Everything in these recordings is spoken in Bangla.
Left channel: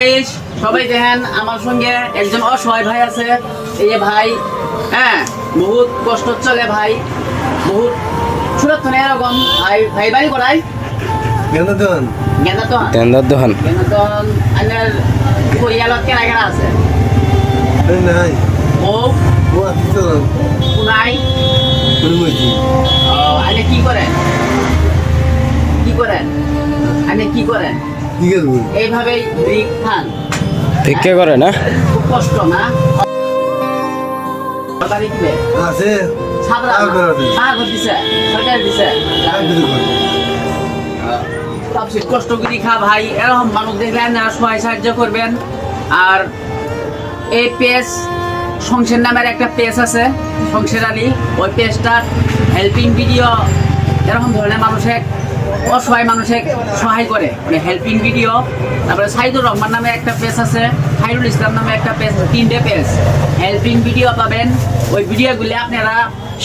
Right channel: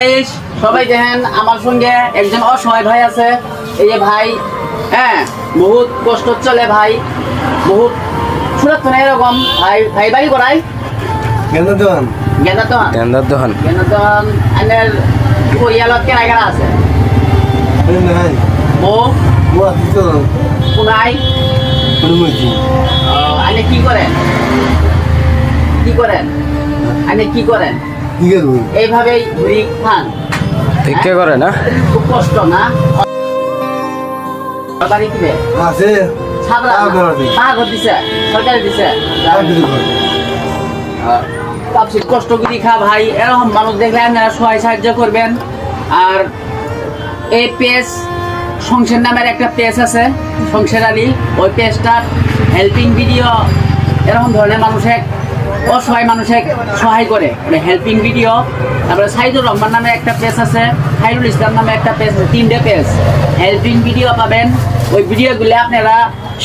গাইস, সবাই দেখেন আমার সঙ্গে একজন অসহায় ভাই আছে। এই যে ভাই, হ্যাঁ, বহুত কষ্ট চলে ভাই, বহুত ছোট এরকম ভাই। ভাই বাড়ি করাই গেন্দার দোকান। আনের পরিয়ালত কেনা কেনা আছে এই নাই ও ও আছে তো কোনাই অনুমতি আনে কি করেন আনে কি করেন কি করব এইভাবেই ব্রিক খান ভিক্ষা করে না? খুব কষ্ট না সরকারি দিবে আছে ছাবলা ঘর দিছে সরকারি দিছে সবচেয়ে কষ্ট করে খা ভাই। এরকম মানুষ দেখলে আপনারা সহায় সাহায্য করবেন। আর এই পেজ সংসার নামের একটা পেজ আছে, সংসার আলী, ওই পেজটার হেল্পিং ভিডিও এরকম ধরনের মানুষের অসহায় মানুষের সহায় করে, হেল্পিং ভিডিও। তারপরে সাইদুর রহমান নামে একটা পেজ আছে, খাইরুল ইসলাম নামে একটা পেজ আছে, 3টে পেজ হেল্পিং ভিডিও পাবেন। ওই ভিডিওগুলো আপনারা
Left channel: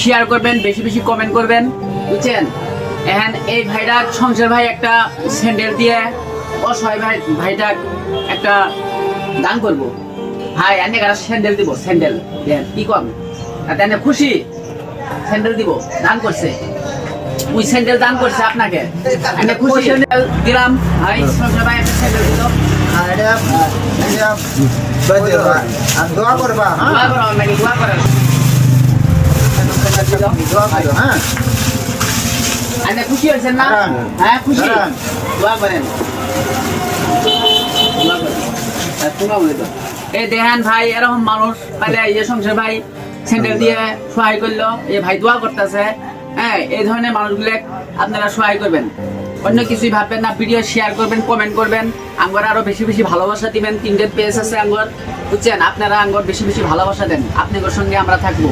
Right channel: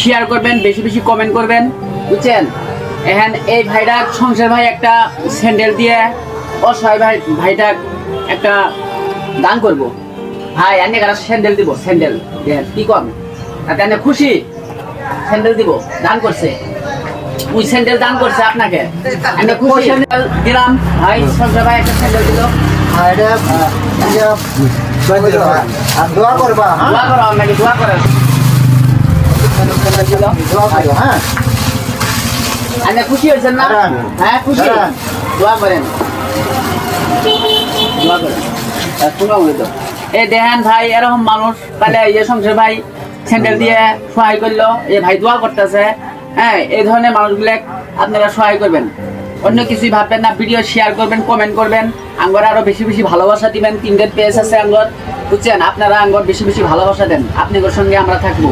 শেয়ার করবেন, বেশি বেশি কমেন্ট করবেন, বুঝছেন? এখন এই ভাইটা সংসার ভাই একটা স্যান্ডেল দিয়ে অসহায় ভাইটা একটা দান করবো। ভাই আমি একটা স্যান্ডেল দিব, স্যান্ডেল কি কম আপনি খুশি? স্যান্ডেল দিব, দান করছে, ওই স্যান্ডেল দান করছে আপনাকে, আমি খুশি। স্যান্ডেল দিলাম ভাই, সংসার ভাই একটা স্যান্ডেল দিল। দোয়া করবা দোয়া করো আপনাকে, দোয়া করেন। স্যান্ডেল দিল, দোয়া করো হ্যাঁ আপনি খুশি হয়েছেন না? হ্যাঁ খুশি, দোয়া করেন, দোয়া করেন। এই দেখেন ভাই, এরকম মানুষ তাহলে এই যে সংসার ভাই স্যান্ডেল দিয়ে সহায় করলো, এই ভাই দোয়া করতেছে। হ্যাঁ, এই ধরনের মানুষগুলো আপনারা সহায় করবেন, অন্য কিছুই ভাববেন না। ভিডিও শেয়ার করবেন, কমেন্ট করবেন, আঙ্গর আরো বেশি বেশি ভালোবাসা দিবেন। 3টে পেজ আছে আঙ্গর, বুঝছেন? আপনারা আঙ্গর বেশি বেশি ভালোবাসা দেন, আপনাদের সঙ্গে আমরা থাকবো।